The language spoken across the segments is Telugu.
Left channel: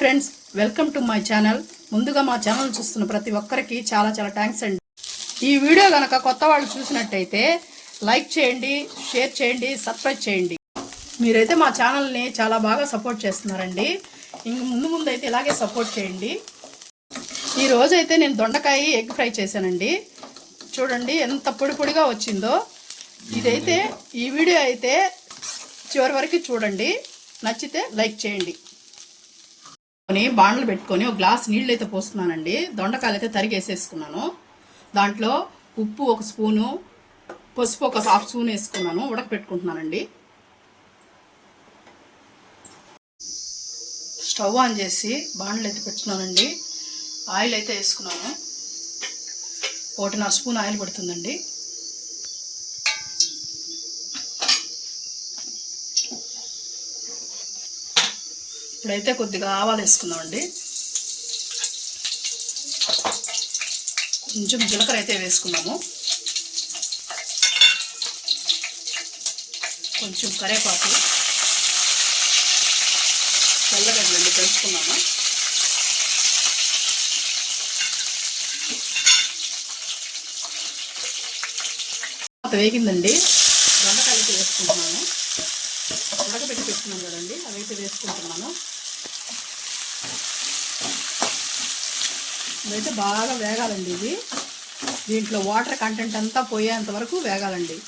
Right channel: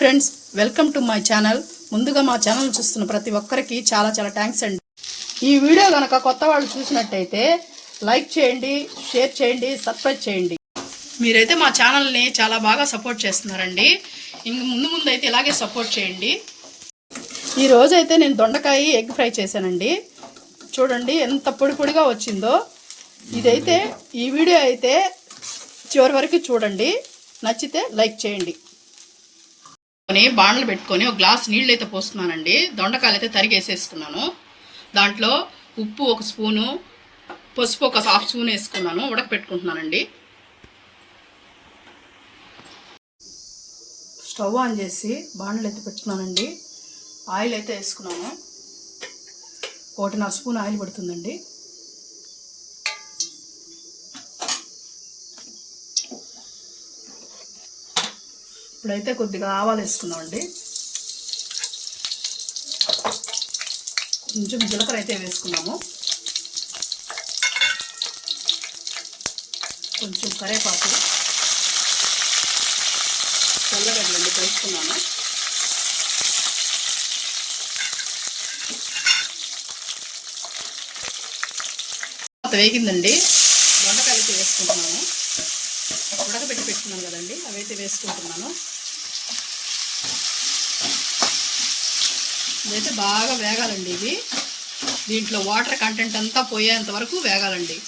Friends, welcome to my channel. ముందుగా మా ఛానల్ చూస్తున్న ప్రతి ఒక్కరికి చాలా చాలా థ్యాంక్స్ అండి. ఈ వీడియో కనుక కొత్త వాళ్ళు చూసినట్టయితే లైక్ చేయండి, షేర్ చేయండి, సబ్స్క్రైబ్ చేయండి. మీరైతే మా ఛానల్ని చాలా బాగా సపోర్ట్ చేస్తున్నారండి. ఇంక ముందు అయితే ఇలాగే సపోర్ట్ చేయండి. ఈ రోజైతే నేను దొండకాయ ఎగ్ ఫ్రై చేశానండి. చూడండి ఎంత పొడి పొడిగా వచ్చిందో. ఇదైతే ఈ వీడియో అయితే చివరి వరకు చూడండి. నచ్చితే లైక్ చేయండి. బాండ్లు పెట్టుకొని ఒక గ్లాస్ నీళ్ళు అయితే పోస్తున్నానండి. దొండకాయలు అయితే తరిగేసేసుకున్నాను. దాంట్లో ఉప్పు 1 స్పూను, పసుపు 1/2 స్పూన్ వేసుకున్నాను. ఉడకపెట్టుకుంటున్నానండి. స్టవ్ ఆన్ చేసి బాండ్లు అయితే పెట్టుకున్నానండి. ఆయిల్ అయితే వేసుకున్నాను. 1.5 స్పూన్ ఆయిల్ పడుతుందండి. ఇప్పుడైతే కొద్దిగా ఆవాలు వేసుకున్నామండి. కొంచెం జీలకర్ర అయితే వేసుకున్నాము. కొంచెం కరివేపాకు, తెల్లగడ్డలు వేసుకున్నాము. వేగిందండి. దొండకాయలు వేసుకుంటున్నాను. ఉడకబెట్టి పెట్టుకున్నాను కదండి, అవైతే వేసుకుంటున్నాను. ఇదైతే బాగా వేగాలండి. ఇది దీంట్లో వాటర్ కంటెంట్ అంతా పోయేంత వరకు వేగాలండి.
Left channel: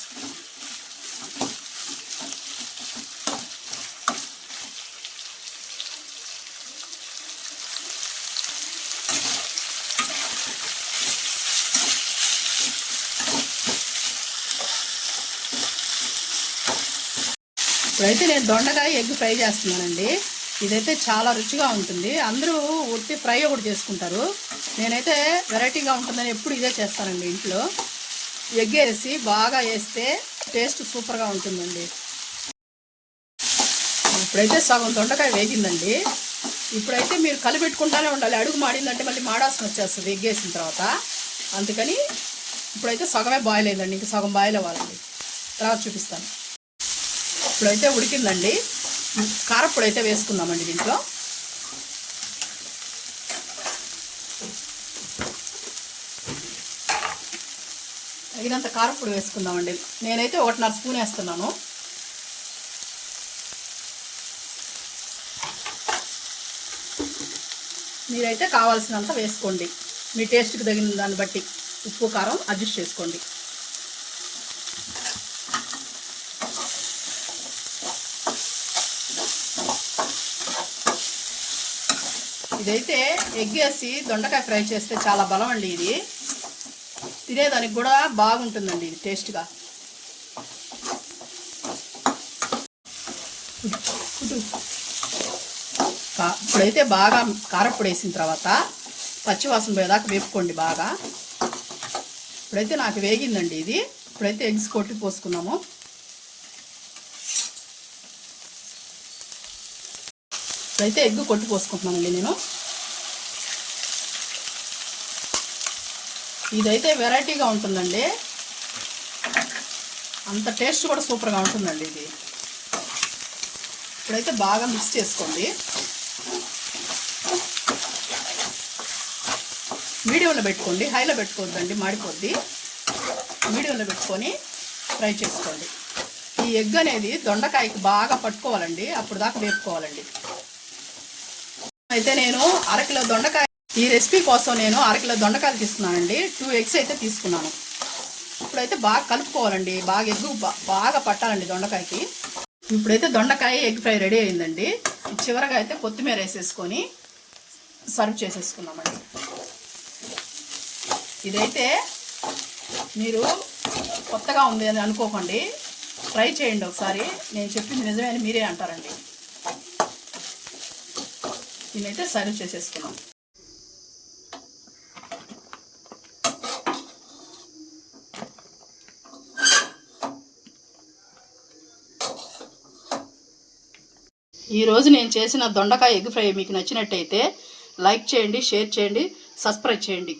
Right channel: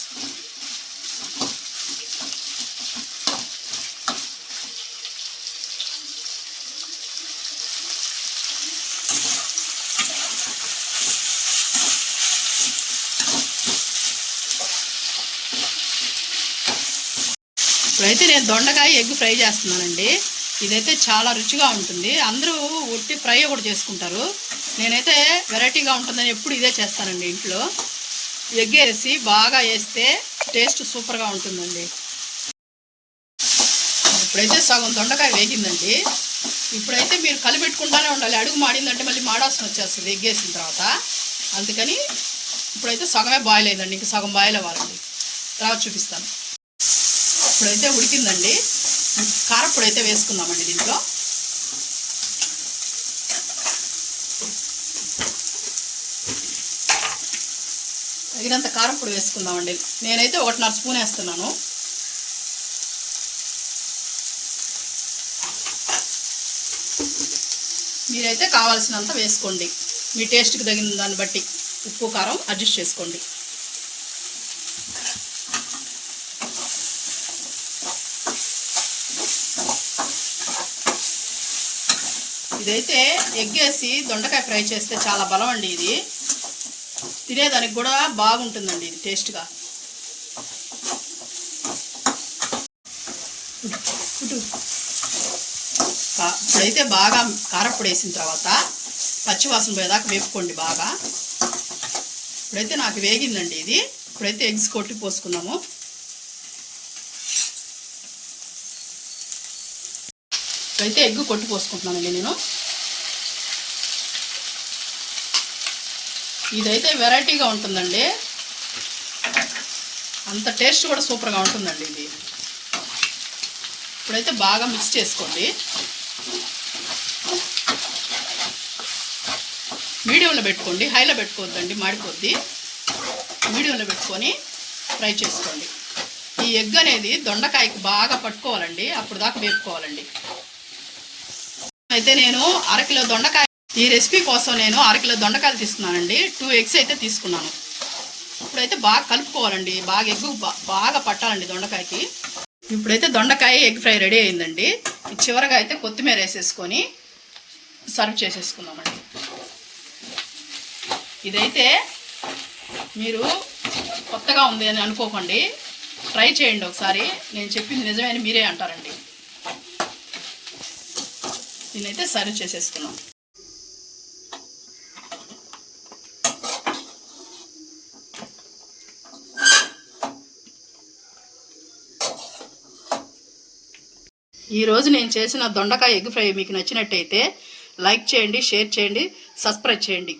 ఇప్పుడైతే నేను దొండకాయ ఎగ్ ఫ్రై చేస్తున్నానండి. ఇదైతే చాలా రుచిగా ఉంటుంది. అందరూ ఉట్టి ఫ్రై కూడా చేసుకుంటారు. నేనైతే వెరైటీగా ఉంటుందని ఎప్పుడు ఇదే చేస్తానండి. ఇంట్లో ఎగ్ వేసి బాగా వేస్తే టేస్ట్ సూపర్గా ఉంటుందండి. ఇప్పుడైతే సగం దొండకాయ వేగిందండి. ఇప్పుడైతే మీరు కలిపెట్టుకుంటానే ఉండాలి. అడుగు మాడిందంటే మళ్ళీ మాడాల్సిన వచ్చేస్తుంది ఎగ్ వేసిన తర్వాత. అందుకని ఇప్పుడైతే సగమే బాయిల్ అయిందండి. ఇంక సగం బాయిల్ అవ్వాలండి. తర్వాత చూపిస్తాను. ఇప్పుడైతే ఉడికిందండి. కారప్పొడి అయితే వేసుకుందామండి. దీంట్లో తగినంత కారప్పొడి వేసుకుందామండి. నేనైతే 1.5 స్పూన్ వేస్తున్నాను. మీరైతే కావాల్సినంత వేసుకోండి. మీ టేస్ట్కి తగిన దాన్ని బట్టి ఉప్పు కారం అడ్జస్ట్ చేసుకోండి. ఇదైతే ఎగ్ వేసి దొండకాయ ఫ్రై చేస్తే చాలా బలం అండి. ఇది తినేదానికి కూడా బాగుంటుందండి. ఇది టేస్ట్గా. ఇప్పుడైతే బాగా కారప్పొడి వేసిన తర్వాత పచ్చివాసన పోయేదాకా వేపుకోండి బాగా. ఇప్పుడైతే నాకు వేగిందండి ఇది. ఇప్పుడైతే ఎగ్స్ కొట్టి పోసుకున్నాము. ఇప్పుడైతే ఎగ్ కొట్టి పోసుకుంటున్నానండి నేను. ఇదైతే వెరైటీగా ఉంటుందండి. అంత టేస్ట్ కూడా సూపర్గా ఉంటుందండి ఇది. ఇప్పుడైతే బాగా మిక్స్ చేసుకోండి. మీడియంలో పెట్టుకోండి, హైలో పెట్టుకోవద్దండి, మాడిపోద్ది. మీడియంలో పెట్టుకొని ఫ్రై చేసుకోండి. ఈ ఎగ్ అనేది దొండకాయకి బాగా పట్టుకోవాలండి. అప్పుడు దాకా వేపుకోవాలండి. అయితే నేను 1/2 కిలో దొండకాయ, ఈ రెసిపీ కోసం నేను 1/2 కిలో దొండకాయలు తీసుకున్నానండి. 2 ఎగ్స్ అయితే తీసుకున్నాను. ఇప్పుడైతే బాగా కలుపుకోవాలండి. బాగా ఎగ్ బాగా పట్టాలండి దొండకాయకి. ఇప్పుడైతే దొండకాయ ఎగ్ ఫ్రై రెడీ అయిందండి. చివరగా అయితే కొత్తిమీర వేసేసుకొని సర్వ్ చేసేసుకుందామండి. ఇదైతే మీరు కొత్తగా ఉంది అని అనుకోకండి. ట్రై చేయండి ఒకసారి. నేను చెప్పింది నిజమే అని మీరే అంటారండి. దీన్నైతే సర్వ్ చేసేసుకున్నాం. ఈరోజు నేను చేసిన దొండకాయ ఎగ్ ఫ్రై మీకు నచ్చినట్టయితే లైక్ చేయండి, షేర్ చేయండి, సబ్స్క్రైబ్ చేయండి.